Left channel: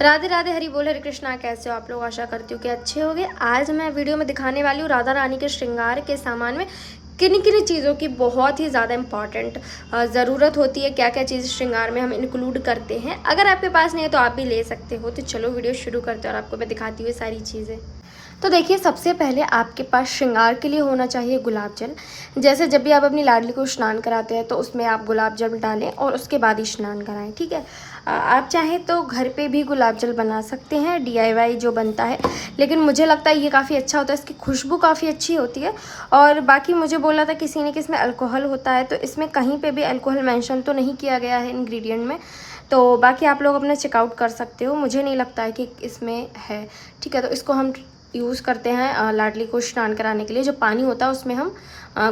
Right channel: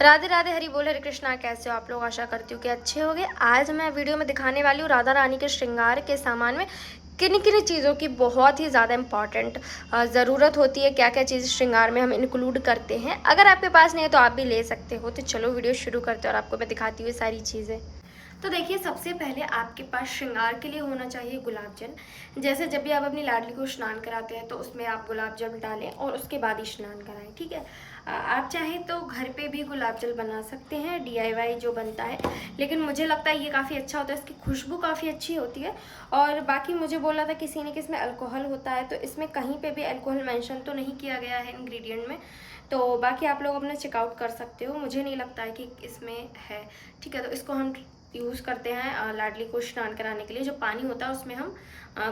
राधे राधे, हरि बोल, हरे कृष्णा। कैसे हो आप लोग? आशा करती हूँ कि अच्छे होंगे। आज मैं वीडियो में दिखाने वाली हूँ राधा रानी के श्रृंगार के सामान में किन किन चीज़ों की बहुत ही ज़्यादा इंपॉर्टेंट ज़रूरत होती है, क्या क्या चीज़ श्रृंगार में हम इंक्लूड करते हैं। अगर आपके पास नहीं है तो आप भी ले सकते हो। तो चलो वीडियो शुरू करते हैं और आपको मैं दिखाती हूँ सारी चीज़ें। तो देखिए, सबसे पहले आपके पास श्रृंगार के लिए होना चाहिए गुलाब जल। जैसे जब भी आप अपनी लाडली को स्नान कराते हैं तो उसमें आप गुलाब जल डालें और उसके बाद ही स्नान कराएं, ठीक है। आप चाहें तो घर पे भी गुलाब जल बना सकते हैं, DIY जो बनता है, लेकिन मुझे लगता है ये काफ़ी अच्छा होता है, इसकी खुशबू काफ़ी अच्छी होती है। और बाकी मुझे बोला था किसी ने कि इसमें अल्कोहल होता है, तो इसमें कहीं पे भी अल्कोहल मेंशन तो नहीं किया गया है इंग्रेडिएंट में। तो बाकी आप लोग अपना चेकआउट कर सकते हो, मुझे नहीं लगता है कि इसमें है, ठीक है। तो इसको हम यूज़ करते हैं लाडली को स्नान कराने के लिए। जो पानी होता है उसमें हम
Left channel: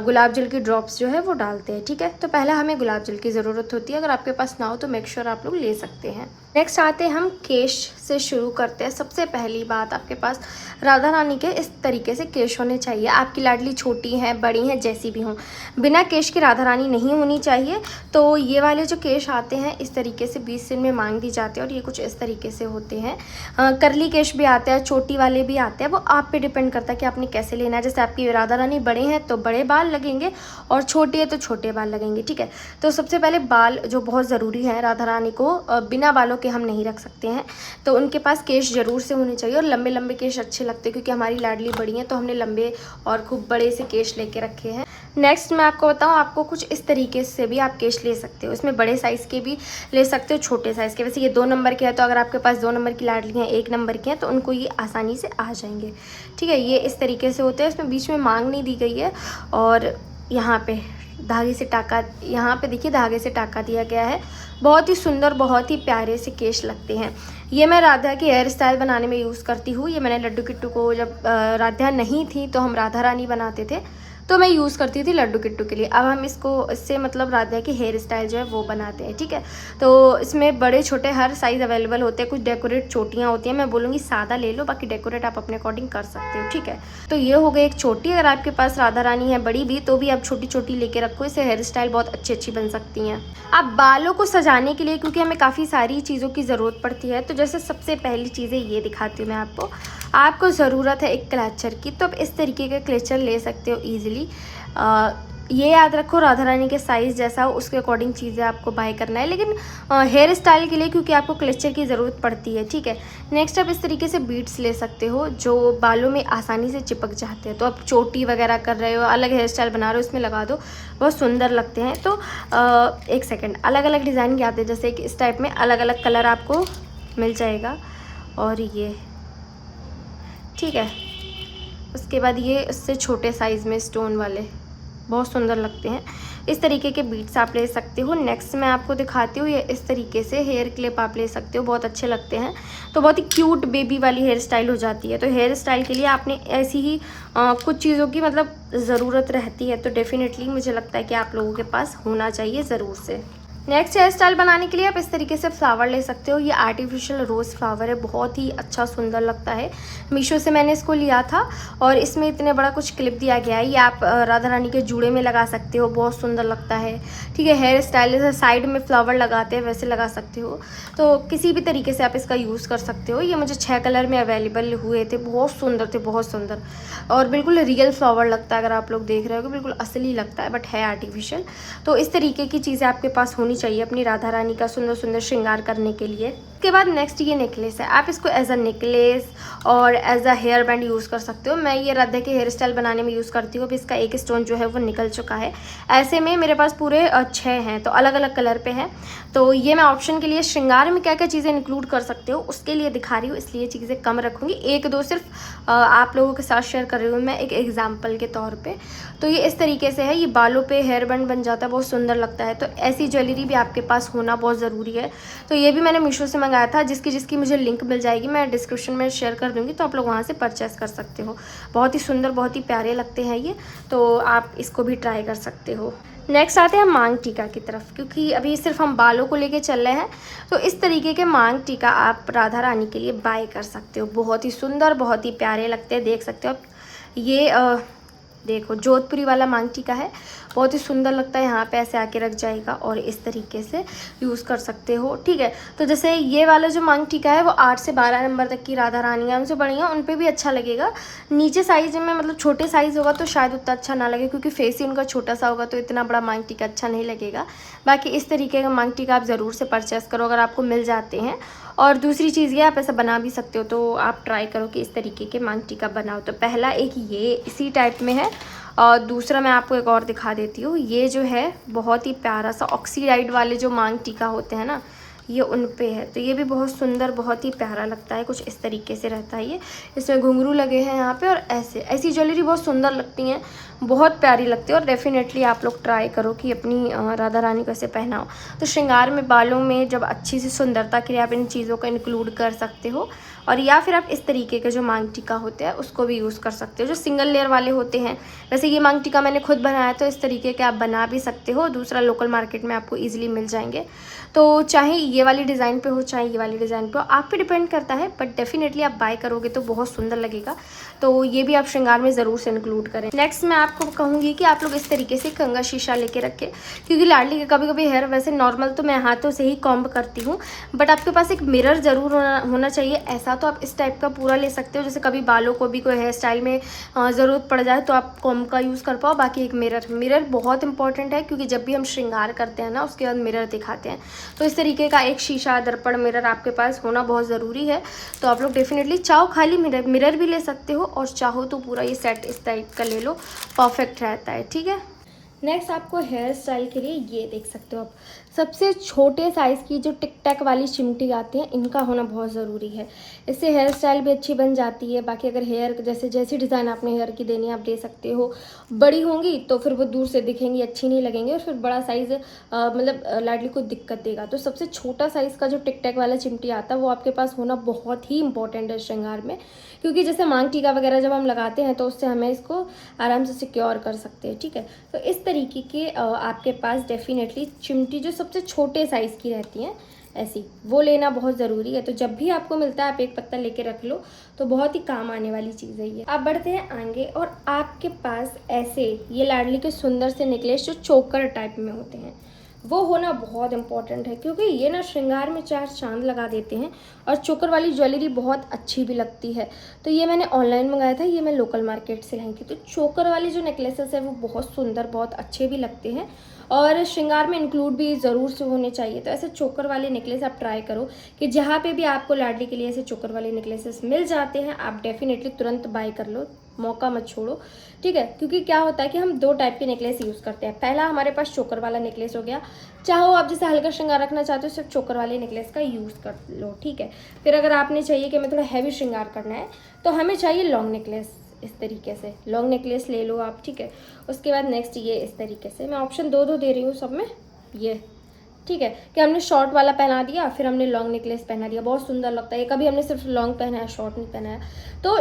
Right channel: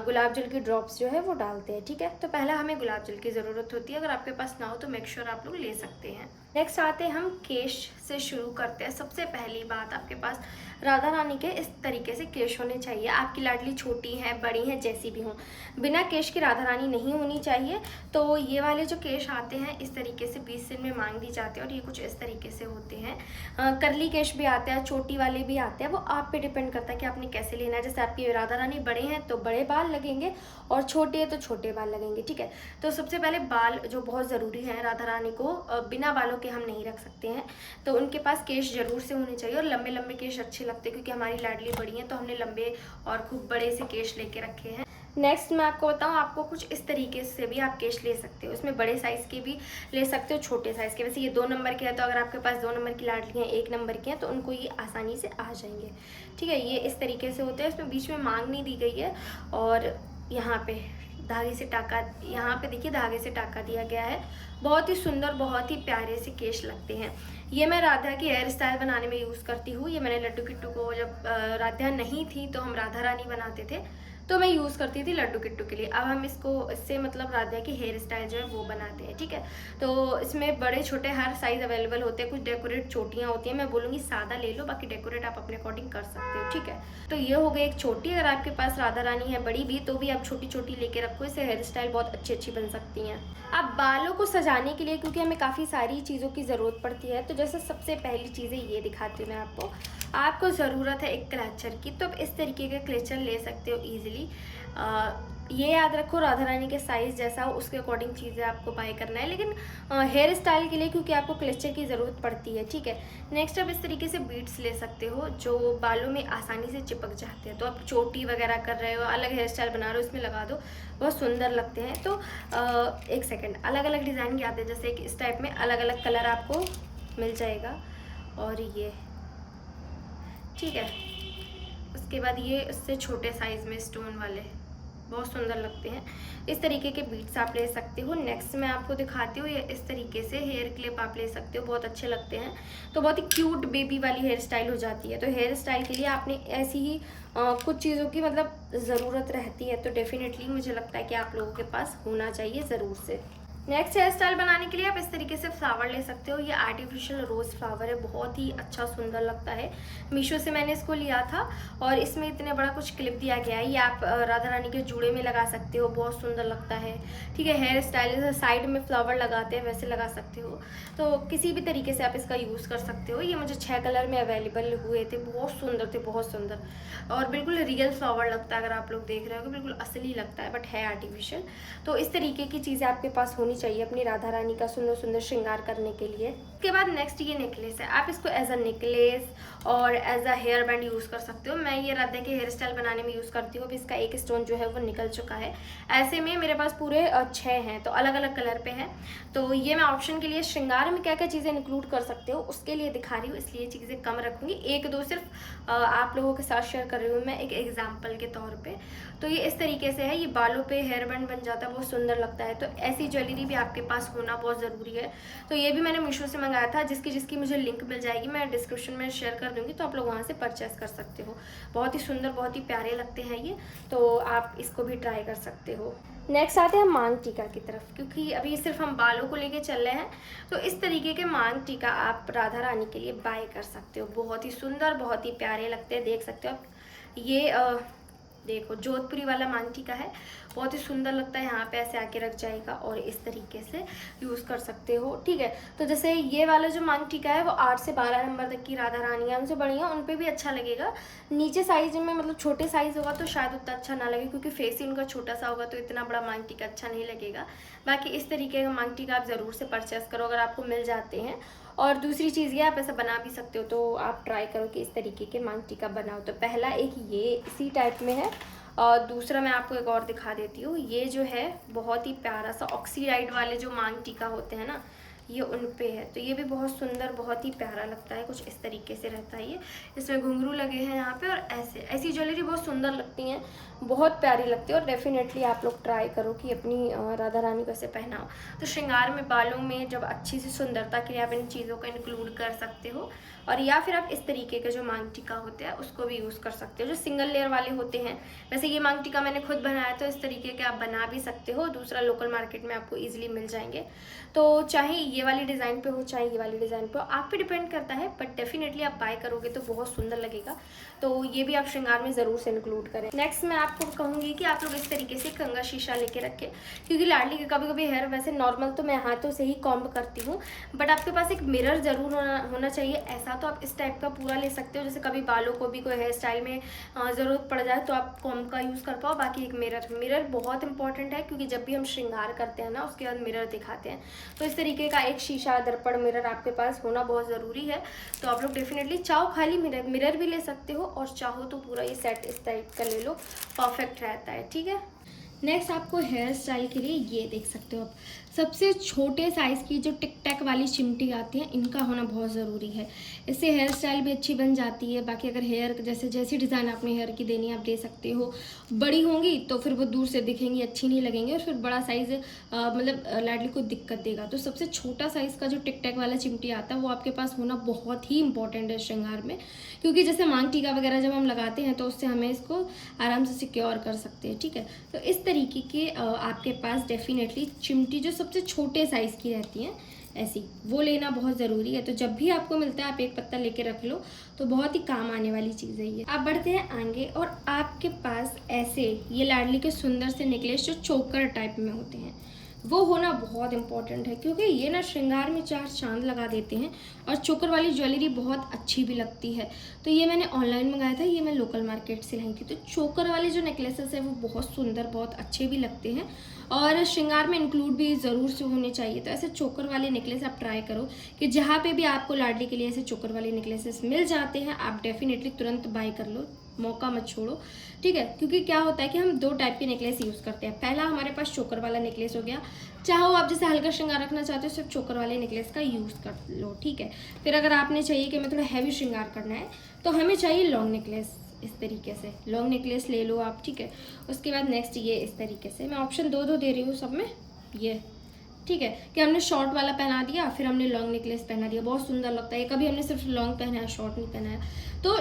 गुलाब जल की ड्रॉप्स जो है वो डालते हैं, ठीक है। तो पहले हमें गुलाब जल की ज़रूरत होती है। अगर आपके पास ना हो तो मेक श्योर आप लोग ले सकते हैं। नेक्स्ट आते हैं हम केश से शुरू करते हैं। सबसे पहली बात, आपके पास राधा रानी के इस तरीके से केश होने चाहिए। आपकी लाडली छोटी हैं, बड़ी हैं, जैसी भी हों, बिना केश की राधा रानी नहीं होनी चाहिए। तो ये वाले जो केश आते हैं इस तरीके से 20 दिन में मांग दी जाते हैं और ये कुछ इस तरीके से होते हैं। करली केश भी आते हैं, चोटी वाले भी आते हैं, वो आप पे डिपेंड करता है कि आपने कैसे लेना है। जैसे आपकी राधा रानी बड़े हैं तो बड़े बाल लगेंगे और छोटी है तो छोटे बाल लगेंगे, ठीक है। तो सबसे पहले बाल जो बहुत ज़रूरी है, राधा रानी को बिना बालों के हम नहीं रख सकते हैं, तो उनके पास केश ज़रूर से होने चाहिए। और लंबे लंबे केश अच्छे लगते हैं क्योंकि हमारी लाडली बड़ी हैं, तो हमने लंबे और खूब बड़े से केश लेके रखे हैं। नेक्स्ट मैं आपको बताऊं, आपको कुछ इस तरीके से भी आप केश ले सकते हो। इसमें बड़े साइज़ के भी ले सकते हो, छोटे साइज़ के। वैसे ये 2 नंबर के हैं, तो अगर आपके पास 2 नंबर की लाडली हैं, 1 नंबर की हैं, तो उनको ये आसानी से आ जाएंगे, ठीक है। ये इस तरीके से होते हैं, इसमें बीच में मांग नहीं दी गई है। और यहाँ पे धागे से टाका, यहाँ पे देखिए धागे से टाका दिया गया है। बहुत ही सुंदर, बहुत ही प्यारे से केश लगते हैं। ये मैं राधा की हेयर स्टाइल बनाने में यूज़ करती हूँ। ये मैंने लड्डू किट्टू को, जब राधा नहीं थी तो हम राधा रानी बनाते थे, तो मैं यूज़ करती थी लड्डू किट्टू के लिए। अब हम इससे मतलब राधा की हेयर स्टाइल जो है वो बनाते हैं, ठीक है। तो इसमें बड़े छोटे हर साइज़ अवेलेबल होते हैं। कुछ डेकोरेट चोटियाँ होती हैं, मैं बोलूँगी सादा ले लो, बाकी डेकोरेट आप अपने अकॉर्डिंग कर सकते हो, ठीक है। तो ये हो गई एक छोटी। अगर आपके पास राधा रानी है बड़ी भी, तो भी आप छोटी छोटी लेके रखो, इससे हेयर स्टाइल बहुत अच्छी अच्छी बन सकती हैं। अब बालों को सजाने के लिए, क्योंकि हमें काफ़ी सारी चीज़ों की ज़रूरत पड़ती है, तो जैसे सबसे पहली चीज़ें ये दिखाती हूँ मैं आपको ज़रूरत है एक क्लचर की। तो आप इस तरीके का क्लचर ले सकते हो ईजिली। ये याद रखो, राधा रानी के साइज़ जैसा हो उसके अकॉर्डिंग चीज़ें आपको बाय करना है, लेकिन हेयर स्टाइल के लिए क्योंकि आपको क्लचर की ज़रूरत पड़ती है, ठीक है। नेक्स्ट आप इस तरीके से बीड्स ले सकते हो जो बालों में आसानी से चिपक जाते हैं। तो आप चोटी वगैरह कर रहे हो, अलग हेयर स्टाइल बना रहे हो, इसमें लगा दो, बहुत सुंदर लगते हैं। तो एक सेकेंड, अलग अलग डिज़ाइन के आते हैं, जैसे कि इस टाइप में अलग अलग कलर आपको मिल जाएगा। और ये ठीक है। उसके बाद ये इससे छोटे साइज़ में स्टोन वाले बहुत सुंदर लगते हैं। इस तरीके के बीड्स आप ले सकते हो। नेक्स्ट मैं आपको दिखाती हूँ, ये इस तरीके से हेयर क्लिप आप ले सकते हो, बहुत अच्छे लगते हैं। तो बहुत ही क्यूट बेबी वाली हेयर स्टाइल हो जाती है। तो हेयर स्टाइल के लिए आपने ऐसी ही कुछ चीज़ों की मतलब ज़रूरत रहती है, तो डेफिनेटली मुझे लगता है कि आप लोगों के पास होना चाहिए ज़रूर से। नेक्स्ट हेयर स्टाइल बनाने के लिए आप इस तरीके से फ्लावर ले सकते हो। ये आर्टिफिशियल रोज़ फ्लावर है, बहुत ही अच्छा सुंदर लगता है। मीशो से मैंने इसको लिया था और इसमें इतने बड़ा कुछ क्लिप दिया गया है। ये आप राधा रानी के जूड़े में लगा सकते हो, बहुत सुंदर लगता है, ठीक है। हेयर स्टाइल जैसे साइड में फ्लावर लगाते हैं वैसे लगा सकते हो। तो किसी भी तरीके से आप इसका यूज़ कर सकते हो। ये मुझे 6 कलर में अवेलेबल हुए थे, बहुत सुंदर थे, बहुत सुंदर। और बिल्कुल रियल फ्लावर लगता है, अगर आप लोग देख रहे हो बिल्कुल असली लगता है, बट है आर्टिफिशियल। तो इस तरीके की चीज़ें आपके पास होनी चाहिए अपनी राधा रानी का सुंदर सुंदर श्रृंगार करने के लिए। उसके बाद नेक्स्ट ये नेकलेस है। आप इसको एज अ नेकलेस और as a hair band use कर सकते हो। मैं ये राधा के हेयर स्टाइल बनाने में यूज़ करती हूँ। अभी इसका एक स्टोन जो है वो निकल चुका है। ऐसे में मेरे पास पूरे 6 हैं, तो अलग अलग कलर पे हैं। तो ये मैं ऑप्शन के लिए श्रृंगार में क्या क्या चीज़ें इंक्लूड कर सकते हो उसके लिए दिखा रही हूँ, इसलिए चीज़ें कम रखूँगी। 1-2 सिर्फ आप लोगों के साथ शेयर कर रही हूँ मैं एक एग्जाम्पल के तौर पर। तो ये इस तरीके से है, ये बालों पर हेयर बैंड बन जाता है, बहुत सुंदर लगता है। तो ऐसी ज्वेलरी भी आपके पास होना बहुत ज़रूरी है। तो ये भी मैंने मीशो से मंगाया था, जिसकी मुझे लिंक मिल जाएगी मैं डिस्क्रिप्शन में शेयर कर दूँगी, तो आप लोग वहाँ से परचेस कर सकते हो। बहुत ही सुंदर, बहुत ही प्यारे लगते हैं ये, तो आप इसको भी ट्राई कर सकते हो। नेक्स्ट आते हैं मांग टीका की तरफ, क्योंकि अभी सिर्फ हम बालों को लेके चल रहे हैं। तो इस तरीके के मांग टीका आप राधा रानी के लिए बाय कर सकते हो। बहुत ही सुंदर, बहुत ही प्यारे लगते हैं, देख सकते हो आप। ये देखो जोधपुरी वाला मांग टीका है, बहुत ही सुंदर लगता है। यहाँ पे ऐसे आके रख जाएगा और इस तरीके से यूज़ कर सकते हो, ठीक है। तो जैसे ये वाला जो मांग टीका है वो 8 से 12 नंबर तक की राधा रानी है, उनसे बड़ी है, उन पर भी अच्छा लगेगा। नीचे साइज में मतलब छोटे साइज़ होगा तो शायद उतना अच्छा ना लगे, क्योंकि फेस ही उनका छोटा सा होगा तो इतना बड़ा मांग टीका अच्छा नहीं लगेगा। बाकी इस तरीके का मांग टीका आप ज़रूर से परचेस करो अगर आपको मिल जाते हैं। और दूसरी चीज़ ये, आप ऐसा बना भी सकते हो, तो आप ट्राई करो कि इस तरीके के मांग टीका बनाओ। तो पहला एक ये इसी टाइप में है, और दूसरा मैं आपको एक और दिखा देती हूँ। ये जो है बहुत ही प्यारा सा ऑक्सीडाइड वाले जो मांग टीका होते हैं ना, ये उन पे है। तो ये भी बहुत सुंदर, बहुत ही प्यारा लगता है, कुछ इस तरीके से रहता है ये। इसमें घुंघरू लगे हैं यहाँ पे, और ऐसी ज्वेलरी बहुत सुंदर लगती हैं, बहुत प्यारी लगती है। और डेफिनेटली आप लोग ट्राई करो कि अपनी राधा रानी को ऐसे पहनाओ। तो श्रृंगार में, बालों में जब अच्छी सी सुंदरता के लिए आप इन चीज़ों का इंक्लूड कर सकते हो। और या फिर आप इस तरीके के जो मांग टीका होते हैं उसको भी यूज़ कर सकते हो, जो सिंगल लेयर वाले होते हैं। वैसे ये मांग टीका मैंने खुद बनाया, तो इस तरीके के आप बना भी सकते हो। दूसरा लोकल मार्केट में आपको ईजिली मिल जाएंगे। तो चाहे ये वाली डिज़ाइन पे हो, चाहे ये वाली डिज़ाइन पे हो, आप पे डिपेंड करता है, बट डेफिनेटली आप बाय करोगे तो बहुत सुंदर लगेगा। तो ये भी आप श्रृंगार में ज़रूर से इंक्लूड करें। नेक्स्ट मैं आपको कहूँगी कि आप लोग इस तरीके से कंघा शीशा लेके रखें, क्योंकि लाडली के कभी कभी हेयर वैसे नॉर्मल तो मैं हाथों से ही कॉम्ब करती हूँ, बट आपके पास एक मिरर ज़रूर होना चाहिए ऐसा। तो आप इस टाइप का पूरा ले सकते हो, जैसे कभी बालों को भी कोई हेयर स्टाइल में ज़रूरत पड़ जाए तो आप कॉम्ब का यूज़ कर पाओ। बाकी एक मिरर बहुत इंपॉर्टेंट है, क्योंकि जब भी हम श्रृंगार करते हैं ना, उसके बाद मिरर दिखाते हैं, तो इस तरीके का एक शीशा, दर्पण, मिरर आपके पास होना बहुत ज़रूरी है। तो आप लोग डेफिनेटली चाहो खाली मिरर भी ले सकते हो, और चाहो तो पूरा ये सेट इस टाइप का ले लो, परफेक्ट रहता है, ठीक है। नेक्स्ट आपको हेयर स्टाइल के लिए ये देख सकते हो आप, सबसे छोटे साइज़ की जो टिक टैक वाली चिमटी आती हैं, इनका होना बहुत ज़रूरी है। इससे हेयर स्टाइल भी अच्छी बन जाती है। बाकी अगर हेयर जैसी डिज़ाइन आपने हेयर की देनी है आप दे सकते हो। बड़ी होंगी तो फिर वो दूर से दिखेंगी, अच्छी नहीं लगेंगी, और फिर बड़ा साइज़ मतलब लाडली को दिक्कत देगा। तो सबसे छोटा साइज़ का जो टिक टैक वाला चिमटी आता है वो आपके पास होना बहुत ही इंपॉर्टेंट है श्रृंगार में, क्योंकि जैसे मांग टीका वगैरह जब हम लगाते हैं तो उससे हमें इसको आराम से सिक्योर कर सकते हैं, ठीक है। तो इस तरीके के आपके पास डेफिनेटली चिमटी जो सबसे छोटे साइज़ की रहती हैं ऐसी, वो लेना बहुत ज़रूरी है। तो जब भी आपको मिलता है आप एक पत्ता लेके रख लो, तो बहुत ही काम आने वाली चीज़ है ये। आप बढ़ते हैं आगे, और आपके पास ऐसे ये लाडली के सुंदर से नेकलेस जो चोकर टाइप में होते हैं, वो होना बहुत इंपॉर्टेंट है, क्योंकि ये ना श्रृंगार में 4 चांद लगा देते हैं, और चोकर वाली ज्वेलरी बहुत अच्छी भी लगती है। तो ये मैंने ऑनलाइन मंगाया था, ये मैं लोकल मार्केट से लाई थी। तो चोकर वाले जो नेकलेसेस है वो बहुत सुंदर, बहुत अच्छे भी लगते हैं, और श्रृंगार में इंक्लूड भी ज़रूर से होने चाहिए। तो ऐसे चोकर वाले नेकलेस आप ट्राई करो कि जहाँ पे भी आपको लाडली के लिए ऐसे चोकर वाले नेकलेसेस मिल जाते हैं, आप डेफिनेटली तुरंत बाय कर लो, मौका मत छोड़ो, ठीक है। क्योंकि क्या होता है कि हम 2 टाइप के नेकलेस यूज़ करते हैं। पहला हमारे पास चोकर वाला नेकलेस हो गया, चाहो आप जैसे हल्का श्रृंगार रखना चाहते हो सिर्फ चोकर वाले नेकलेस का यूज़ कर लो, ठीक है। फिर अगर आपने चाहिए कि हमें थोड़ा हैवी श्रृंगार करना है, तो हमें चाहिए लॉन्ग नेकलेस, इस तरीके से लॉन्ग नेकलेस ले लो आप, ठीक है। उसके बाद नेक्स्ट ये इस तरीके से, मैं ऑप्शन 2 दे रही हूँ सब में, ये ठीक है, कि हमने शॉर्ट वाला पहना दिया, फिर हमने लॉन्ग नेकलेस पहना दिया, बहुत सुंदर लगता है। कभी हमने सिर्फ लॉन्ग पहना है, शॉर्ट नहीं पहना है। तो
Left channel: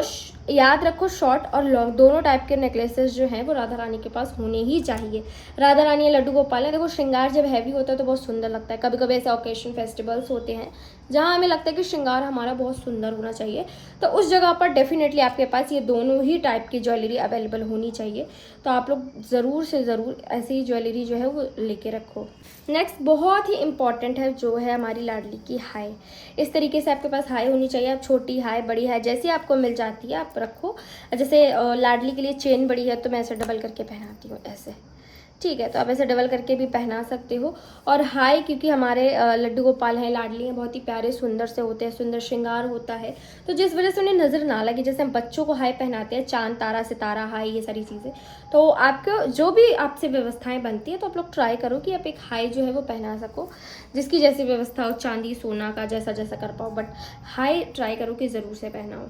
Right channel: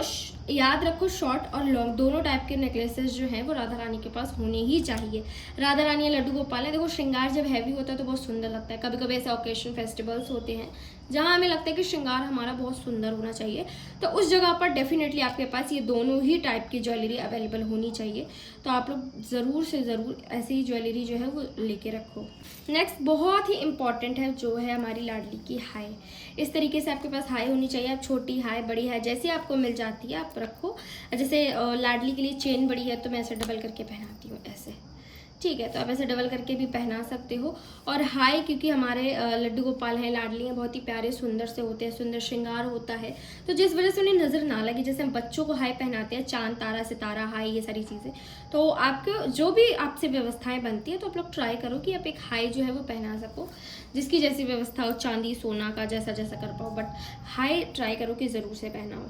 याद रखो, शॉर्ट और लॉन्ग दोनों टाइप के नेकलेसेस जो हैं वो राधा रानी के पास होने ही चाहिए। राधा रानी या लड्डू गोपाल है, देखो श्रृंगार जब हैवी होता है तो बहुत सुंदर लगता है। कभी कभी ऐसे ओकेशन फेस्टिवल्स होते हैं जहाँ हमें लगता है कि श्रृंगार हमारा बहुत सुंदर होना चाहिए, तो उस जगह पर डेफिनेटली आपके पास ये दोनों ही टाइप की ज्वेलरी अवेलेबल होनी चाहिए। तो आप लोग ज़रूर से ज़रूर ऐसी ज्वेलरी जो है वो लेके रखो। नेक्स्ट बहुत ही इंपॉर्टेंट है जो है हमारी लाडली की हाई। इस तरीके से आपके पास हाई होनी चाहिए। आप छोटी हाई, बड़ी हाई जैसी आपको मिल जाती है आप रखो। जैसे लाडली के लिए चेन बड़ी है तो मैं ऐसे डबल करके पहनाती हूँ ऐसे, ठीक है। तो आप ऐसे डबल करके भी पहना सकते हो। और हाई, क्योंकि हमारे लड्डू गोपाल हैं, लाडली हैं, बहुत ही प्यारे सुंदर से होते हैं, सुंदर श्रृंगार होता है, तो जिस वजह से उन्हें नज़र ना लगे, जैसे हम बच्चों को हाई पहनाते हैं, चांद, तारा, सितारा, हाई, ये सारी चीज़ें, तो आपको जो भी आपसे व्यवस्थाएं बनती है तो आप लोग ट्राई करो कि आप एक हाई जो है वो पहना सको, जिसकी जैसी व्यवस्था हो, चांदी सोना का जैसा जैसा कर पाओ, बट हाई ट्राई करो कि ज़रूर से पहनाओ।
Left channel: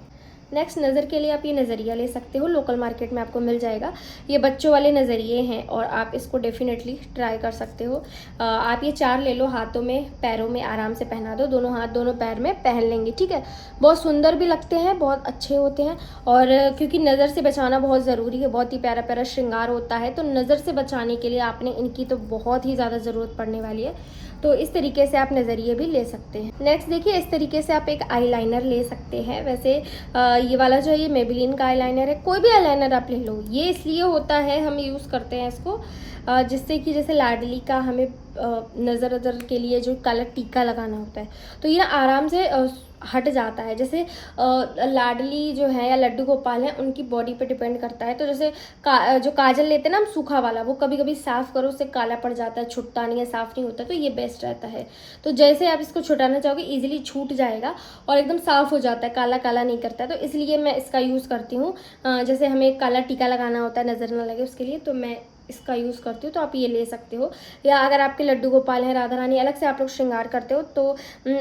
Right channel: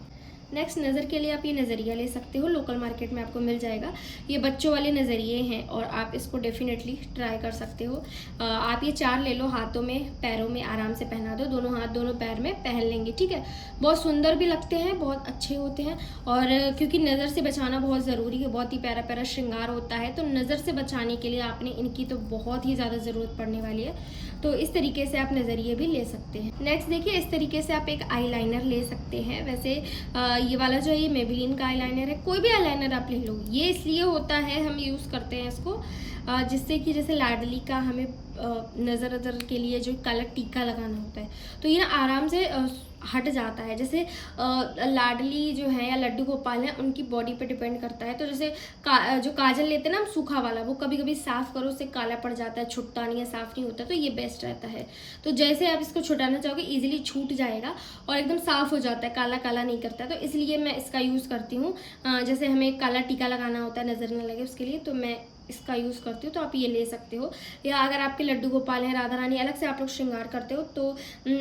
नेक्स्ट नज़र के लिए आप ये नज़रिया ले सकते हो, लोकल मार्केट में आपको मिल जाएगा। ये बच्चों वाले नज़रिए हैं और आप इसको डेफिनेटली ट्राई कर सकते हो। आप ये 4 ले लो, हाथों में, पैरों में आराम से पहना दो, दोनों हाथ दोनों पैर में पहन लेंगे, ठीक है। बहुत सुंदर भी लगते हैं, बहुत अच्छे होते हैं, और क्योंकि नज़र से बचाना बहुत ज़रूरी है, बहुत ही प्यारा प्यारा श्रृंगार होता है, तो नज़र से बचाने के लिए आपने इनकी तो बहुत ही ज़्यादा ज़रूरत पड़ने वाली है। तो इस तरीके से आप नज़रिए भी ले सकते हैं। नेक्स्ट देखिए, इस तरीके से आप एक आई लाइनर ले सकते हैं। वैसे ये वाला जो है ये मेबेलिन का आईलाइनर है। कोई भी आईलाइनर आप ले लो, ये इसलिए होता है हम यूज़ करते हैं इसको जिससे कि जैसे लाडली का हमें नज़र के लिए जो काला टीका लगाना होता है तो ये ना आराम से हट जाता है। जैसे लाडली जो है या लड्डू गोपाल है उनकी बॉडी पे डिपेंड करता है। तो जैसे जो काजल लेते हैं ना हम सूखा वाला, वो कभी कभी साफ़ करो उससे काला पड़ जाता है, छुटता नहीं है, साफ़ नहीं होता, तो ये बेस्ट रहता है। तो जैसे आप इसको छुटाना चाहोगे ईजिली छूट जाएगा और एकदम साफ़ हो जाता है, काला काला नहीं करता। तो इसलिए मैं इसका यूज़ करती हूँ। जैसे हमें काला टीका लगाना होता है नज़र ना लगे उसके लिए, तो मैं इसका यूज़ करती हूँ। तो आप ये ले सकते हो, या अगर आपके लड्डू गोपाल हैं, राधा रानी अलग से आप लोग श्रृंगार करते हो तो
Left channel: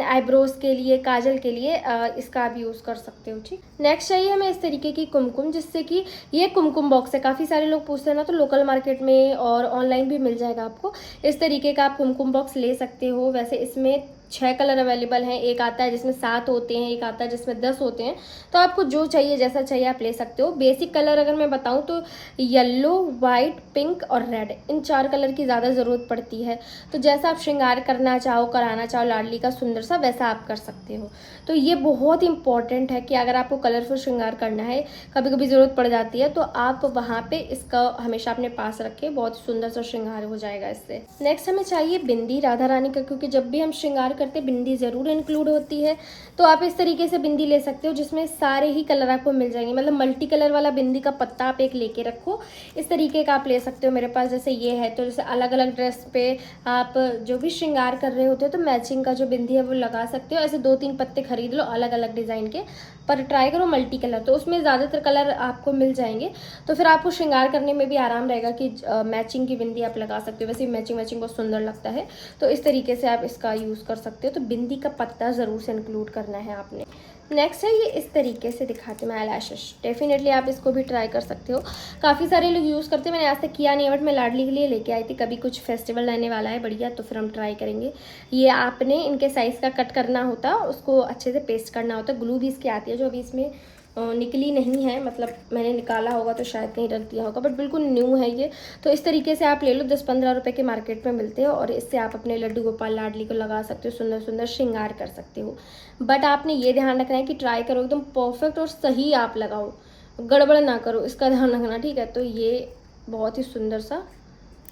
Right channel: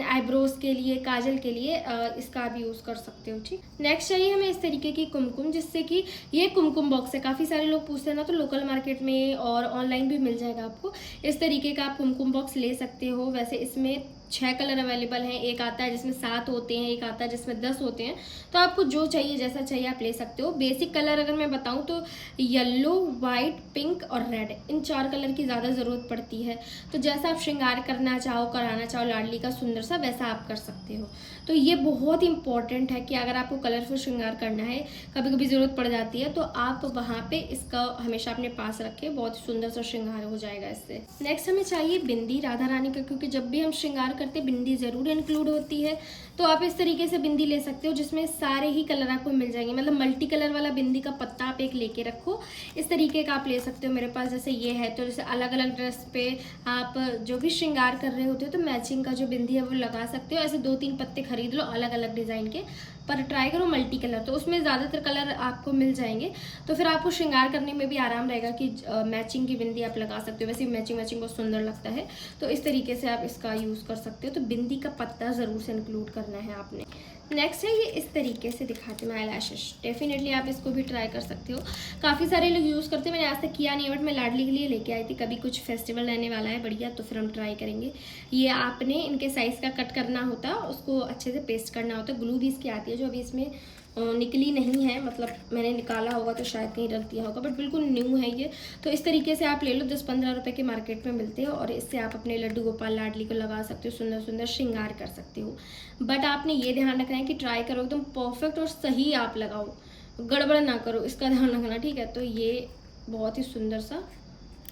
आईब्रोज के लिए, काजल के लिए इसका आप यूज़ कर सकते हो। ठीक, नेक्स्ट चाहिए हमें इस तरीके की कुमकुम, जिससे कि ये कुमकुम बॉक्स है। काफ़ी सारे लोग पूछते हैं ना, तो लोकल मार्केट में और ऑनलाइन भी मिल जाएगा आपको। इस तरीके का आप कुमकुम बॉक्स ले सकते हो। वैसे इसमें 6 कलर अवेलेबल हैं। एक आता है जिसमें 7 होते हैं, एक आता है जिसमें 10 होते हैं। तो आपको जो चाहिए, जैसा चाहिए आप ले सकते हो। बेसिक कलर अगर मैं बताऊं तो येलो, वाइट, पिंक और रेड, इन 4 कलर की ज़्यादा ज़रूरत पड़ती है। तो जैसा आप श्रृंगार करना चाहो, कराना चाहो लाडली का सुंदर सा, वैसा आप कर सकते हो। तो ये बहुत इंपॉर्टेंट है कि अगर आपको कलरफुल श्रृंगार करना है, कभी कभी ज़रूरत पड़ जाती है, तो आप वहाँ पे इसका हमेशा अपने पास रखें। बहुत सुंदर सा श्रृंगार हो जाएगा इससे। नेक्स्ट हमें चाहिए बिंदी राधा रानी का, क्योंकि जब भी हम श्रृंगार करते बिंदी ज़रूर इंक्लूड होती है। तो आप इस तरीके से बिंदी ले सकते हो जिसमें सारे ही कलर आपको मिल जाएंगे। मतलब मल्टी कलर वाला बिंदी का पत्ता आप एक लेके रखो, इस तरीके का आप ले सकते हो। मेरे पास जैसे ये है, तो जैसे अलग अलग ड्रेस पे आप जो भी श्रृंगार कर रहे होते हो तो मैचिंग का जो बिंदी है वो लगा सकते हो। ऐसे 2-3 पत्ते खरीद लो अलग अलग डिज़ाइन के, पर ट्राई करो मल्टी कलर, तो उसमें ज़्यादातर कलर आपको मिल जाएंगे। तो फिर आपको श्रृंगार करने में भी आराम रहेगा कि मैचिंग की बिंदी आप लगा सकते हो। वैसे मैचिंग बहुत सुंदर लगता है, तो इस तरीके से आप इसका यूज़ कर सकते हो। तो बिंदी का पत्ता ज़रूर से इंक्लूड करना है आपने। नेक्स्ट है ये इस तरीके से दिखाते मैं आई-लैशेस। डेफिनेटली आप इसको भी ट्राई कर सकते हो। काफ़ी सारे लोग यूज़ करते हैं, मैंने आज तक किया नहीं है, बट मैं लाडली के लिए लेके आई थी। कभी कुछ फेस्टिवल रहने वाला है बढ़िया, तो फिर हम ट्राई करेंगे। ये आपने इनके साइज़ का कट करना होता, उसको अच्छे से पेस्ट करना होता। ग्लू भी इसकी आती है जो अभी इसमें निकली नहीं है, मतलब मैंने निकाला होगा तो शायद कहीं रख दिया होगा, बट बिल्कुल न्यू है ये। तो इस तरीके से आप ले लो, 10-15 रुपए के मार्केट में मिलते हो, और इससे आप अपने लड्डू गोपाल लाडली को लगा सकते हो, सुंदर सुंदर श्रृंगार कर सकते हो। बट आपने ये ध्यान रखना है कि ट्राई करो एकदम परफेक्ट और सही आप लगाओ, गड़बड़ ना करो, इसका ध्यान रखना, ठीक है। तो ये बहुत ही सुंदर सा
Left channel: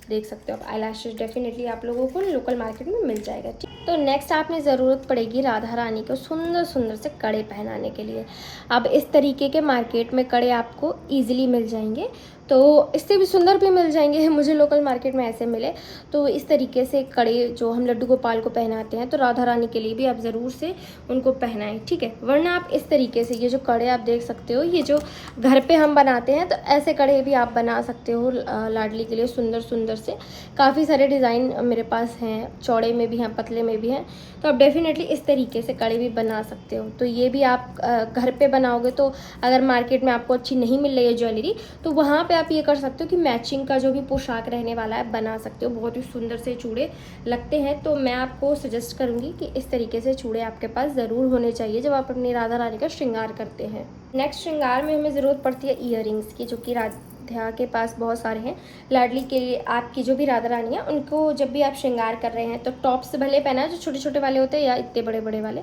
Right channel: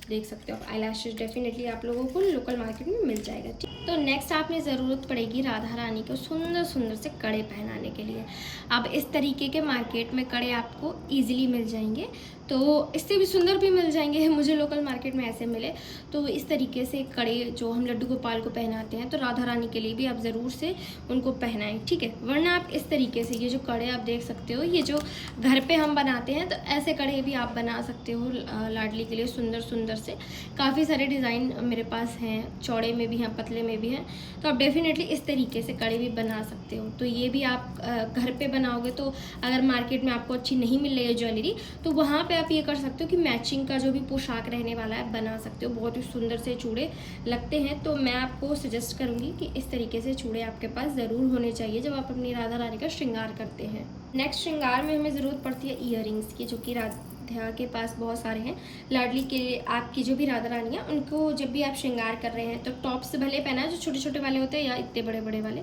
देख सकते हो आप आई-लैशेस। डेफिनेटली आप लोगों को लोकल मार्केट में मिल जाएगा। ठीक, तो नेक्स्ट आपने ज़रूरत पड़ेगी राधा रानी को सुंदर सुंदर से कड़े पहनाने के लिए। अब इस तरीके के मार्केट में कड़े आपको ईजिली मिल जाएंगे, तो इससे भी सुंदर भी मिल जाएंगे। मुझे लोकल मार्केट में ऐसे मिले। तो इस तरीके से कड़े जो हम लड्डू गोपाल को पहनाते हैं, तो राधा रानी के लिए भी आप ज़रूर से उनको पहनाएं, ठीक है। वरना आप इस तरीके से ये जो कड़े आप देख सकते हो, ये जो घर पे हम बनाते हैं, तो ऐसे कड़े भी आप बना सकते हो लाडली के लिए सुंदर सुंदर से। काफ़ी सारे डिज़ाइन मेरे पास हैं, चौड़े में भी हैं, पतले में भी हैं। तो आप डेफिनेटली इस तरीके से कड़े भी बना सकते हो। तो ये भी आप घर पे बनाओगे, तो अगर मार्केट में आपको अच्छी नहीं मिल रही है ज्वेलरी, तो वहाँ पे आप ये कर सकते हो कि मैचिंग का जो भी पोशाक रहने वाला है बना सकते हो। बहुत ही सुंदर से चूड़े लगते हैं। तो मैं आपको सजेस्ट करूँगी कि इस तरीके से चूड़े आपके पास ज़रूर होने चाहिए जब आप अपनी राधा रानी का श्रृंगार करते हैं। नेक्स्ट श्रृंगार में हमें ज़रूरत पड़ती है ईयरिंग्स की, जो कि राधा के पास बहुत सारे हैं। लाडली के लिए आपकी जो भी राधा रानी है, उनको जब भी आप श्रृंगार कर रहे हैं तो टॉप से भले पहना, जो छोटे छोटे वाले होते हैं या इतने बड़े बड़े वाले,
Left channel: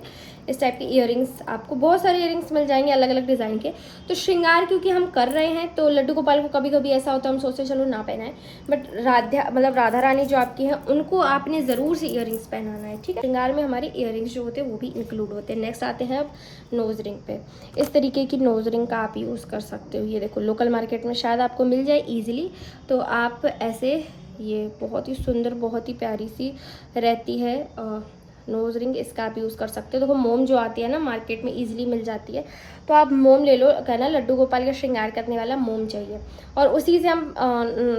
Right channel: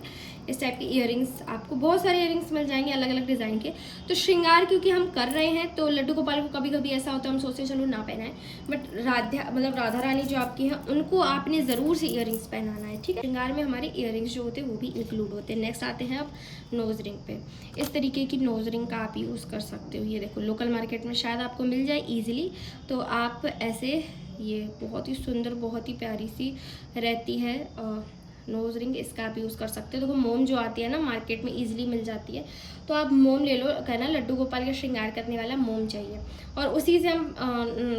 इस टाइप के ईयरिंग्स आपको बहुत सारे ईयरिंग्स मिल जाएंगे अलग अलग डिज़ाइन के। तो श्रृंगार क्योंकि हम कर रहे हैं, तो लड्डू गोपाल को कभी कभी ऐसा होता है हम सोचते चलो ना पहनाएं, बट राधा रानी जो आपकी है उनको आपने ज़रूर से ईयरिंग्स पहनाना है, ठीक है। श्रृंगार में हमारे ईयरिंग्स जो होते हैं वो भी इंक्लूड होते हैं। नेक्स्ट आते हैं अब नोज रिंग पे। इस तरीके की नोज रिंग का आप यूज़ कर सकते हो। ये देखो लोकल मार्केट में शायद आपको मिल जाए ईजिली। तो आप ऐसे, ये बहुत ही सुंदर, बहुत ही प्यारी सी रहती है नोज रिंग, इसका आप यूज़ कर सकते हो। देखो मोम जो आती है ना मार्केट में ईजिली मिल जाती है, तो आप मोम ले लो। कहना लड्डू गोपाल का श्रृंगार करने वाला मोम चाहिए, और उसी से हम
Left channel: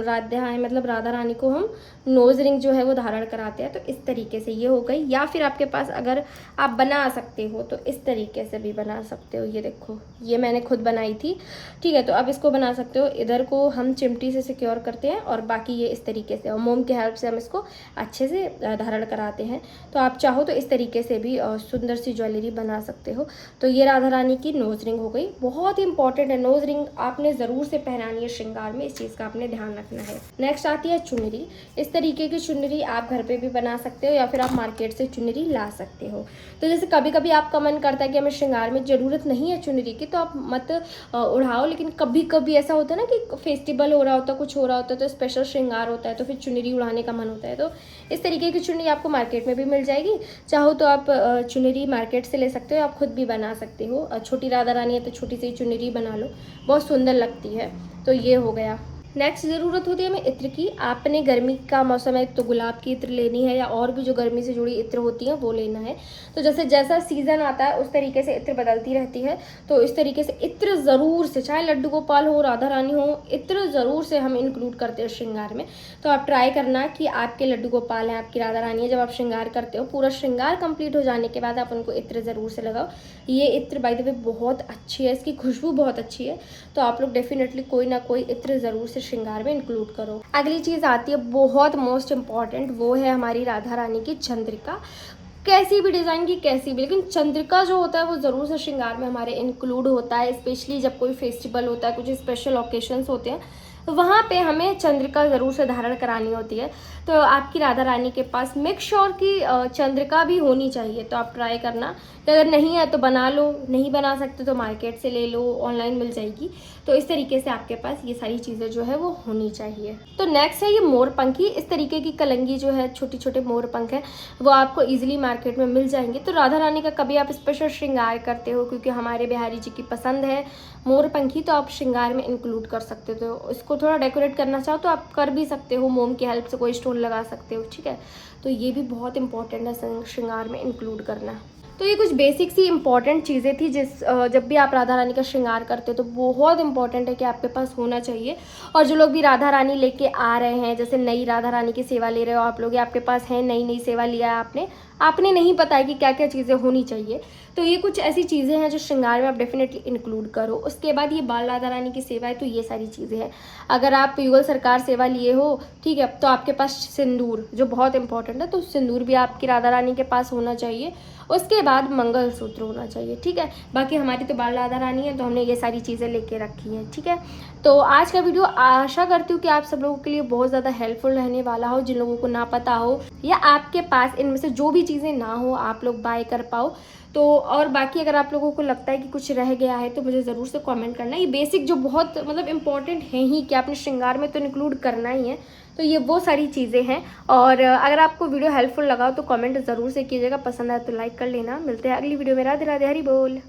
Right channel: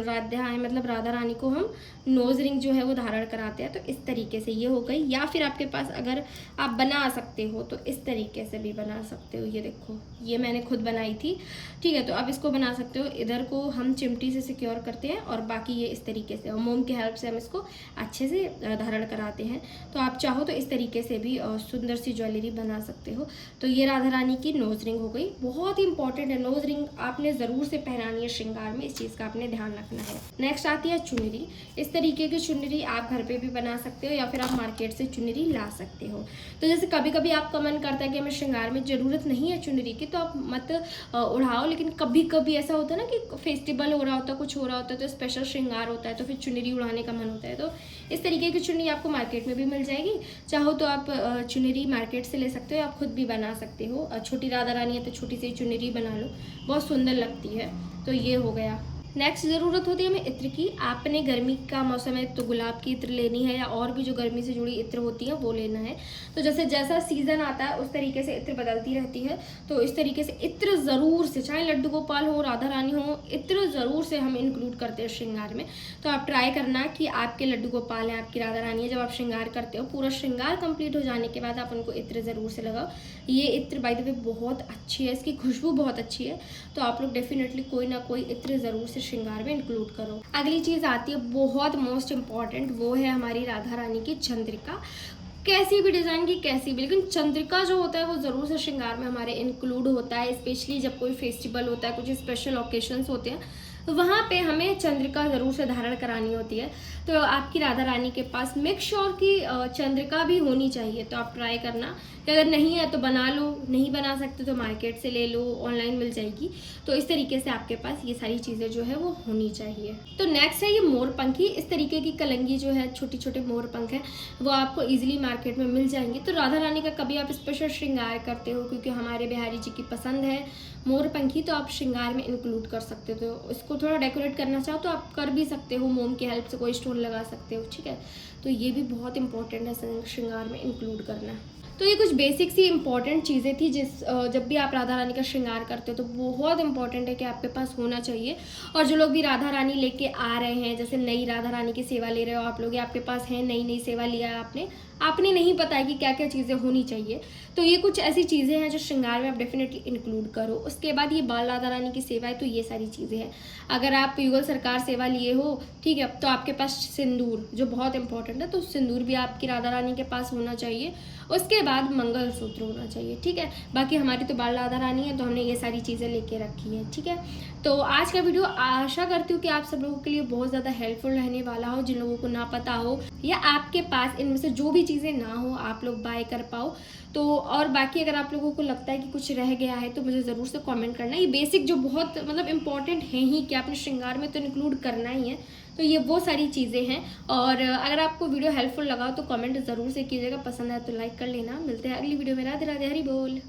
राधा रानी को हम नोज रिंग जो है वो धारण कराते हैं। तो इस तरीके से ये हो गई। या फिर आपके पास अगर आप बना सकते हो तो इस तरीके से भी बना सकते हो। ये देखो, ये मैंने खुद बनाई थी, ठीक है। तो आप इसको बना सकते हो। इधर को हम चिमटी से सिक्योर करते हैं और बाकी ये इस तरीके से, और मोम की हेल्प से हम इसको अच्छे से धारण कराते हैं। तो आप चाहो तो इस तरीके से भी सुंदर सी ज्वेलरी बना सकते हो। तो ये राधा रानी की नोज रिंग हो गई, बहुत ही इंपॉर्टेंट है। नोज रिंग आपने ज़रूर से पहनानी है श्रृंगार में, इस चीज़ का आपने ध्यान रखना है। नेक्स्ट आती है चुनरी। इस तरीके की चुनरी आप घर पे भी बना सकते हो या फिर आप मार्केट से चुनरी ला सकते हो। तो जैसे कभी कभी आपका मन करता है कि हमें श्रृंगार में ज़रूरत नहीं है चुनरी की, तो आप मत उड़ाओ। लेकिन कभी कभी ऐसा होता है ना कि फेस्टिवल हो रहा होता है, कुछ हो रहा होता है, तो स्पेशल श्रृंगार होता है, तो फिर चुनरी उड़ाने का मन होता है। तो इस तरीके की चुनरी आपको मार्केट में भी मिल जाएगी। चाहो तो आप चुनरी मार्केट से ले सकते हो, आप खुद भी बना सकते हो। छोटी राधा रानी है तो छोटी सी चुनरी बना लो, बहुत सुंदर लगती है। तो ये हो गया। नेक्स्ट ज़रूरत होती है हमें इत्र की। आपने गर्मी का मौसम है तो गुलाब की इत्र लेनी है, या और भी जो गर्मी से जुड़ी इत्र होती हैं वो लेना है। तो जैसे जैसा सीज़न आता है उस तरीके से इत्र बदलती रहती है। तो इस तरीके से इत्र ज़रूर से, चाहे लड्डू गोपाल हो, राधा रानी हो, इत्र ज़रूर से हम इंक्लूड करते हैं श्रृंगार में। तो आप ट्राई करना कि आपके लड्डू गोपाल हैं, आपकी राधा रानी है, जब आप श्रृंगार करते हो, पूरा श्रृंगार कंप्लीट हो जाने के बाद आप उनको इत्र ज़रूर से लगाओ। ये इत्र बाय द वे बहुत अच्छी है, इसकी खुशबू बहुत अच्छी है। तो आप लोग डेफिनेटली कोई ना कोई इत्र ज़रूर से श्रृंगार में इंक्लूड करो। अगली चीज़ आती है बहुत मोस्ट इम्पॉर्टेंट, वो है हमारी राधा रानी की चंद्रिका। कैसी भी डिज़ाइन की, कैसी भी, लेकिन चंद्रिका जो होता है वो ज़रूर से श्रृंगार में हमारे इंक्लूड होता है। स्पेशली जब कोई फेस्टिवल होता है, कुछ स्पेशल ओकेशंस होते हैं, वहाँ पे हमें चंद्रिका ज़रूर से धारण करानी होती है। तो आपकी राधा रानी के पास मेक श्योर की चंद्रिका भी होनी चाहिए। तो आप ट्राई करना कि अगर नहीं है तो बना लो, नहीं बना सकते तो मार्केट से ले लो, ऑनलाइन मिल जाएगी। तो इस तरीके से आपके पास ये सारी चीज़ें जो है वो होनी चाहिए। तो नेक्स्ट है ये मोरपंखी। इस तरीके की कलंगी जो है, छोटे छोटे मोरपंख है, वो आपको ईजिली मार्केट में मिल जाएंगे। तो राधा रानी का कभी आप स्पेशल श्रृंगार करते हो, क्योंकि हमारे बिहारी जी की पसंद है मोरपंखी, तो आप श्रृंगार में इंक्लूड कर सकते हो। तो इसको थोड़ा डेकोरेट करना चाहो तो आप कर भी सकते हो, मोम की हेल्प से कोई स्टोन लगा सकते हो, ठीक है। तो ये भी बहुत इंपॉर्टेंट है श्रृंगार में इंक्लूड करना। तो ये कुछ बेसिक सी इंपॉर्टेंट चीज़ें थी जब भी आप राधा रानी का श्रृंगार करते हो तो बहुत इंपॉर्टेंट है कि आपके पास होना चाहिए। और जो लोग भी राधा रानी लेके आ रहे हैं, जैसे नई राधा रानी की सेवा ले रहे हो आप लोग, आपके पास है नई सेवा लिया है आपने नहीं पता है कि क्या क्या चीज़ें होनी चाहिए, तो ये कुछ ऐसी चीज़ें हैं जो श्रृंगार में आप डेफिनेटली इंक्लूड करो। उसके बाद ये बाल राधा रानी की सेवा है, तो ये सारी चीज़ें हैं। अगर आप युगल सरकार सेवा लिए हो, ठीक है, तो आपके पास सिंदूर जो बहुत इंपॉर्टेंट है, तो सिंदूर भी आपकी राधा रानी के पास होना चाहिए। उसके बाद मंगलसूत्र होना चाहिए, ठीक है। बाकी हमारी तो बाल राधा रानी है, तो हमने ये सारी चीज़ें लेके रखी हैं, ठीक है। तो आज का वीडियो आशा करती हूँ कि आप सब लोगों के लिए बहुत ज़्यादा हेल्पफुल रहने वाला हो। जिन लोगों को ना पता हो या आपके पास इनमें से जो भी चीज़ें ना हो, आप लोग बाय कर पाओ। तो और बाकी अगर आप लोगों को लगता है कि कुछ रह गया है तो मुझे ज़रूर से कमेंट करना। ये बेसिक जो बहुत मतलब इंपॉर्टेंट है ही कि आपने श्रृंगार में तो इंक्लूड करना ही है। तो ये वो सारी चीज़ें हैं। और अगर आपको वीडियो हेल्पफुल लगा तो कमेंट ज़रूर से कीजिएगा, पसंद आए तो लाइक कर लेना। मिलते हैं अगली वीडियो में। राधे राधे, हरि बोल।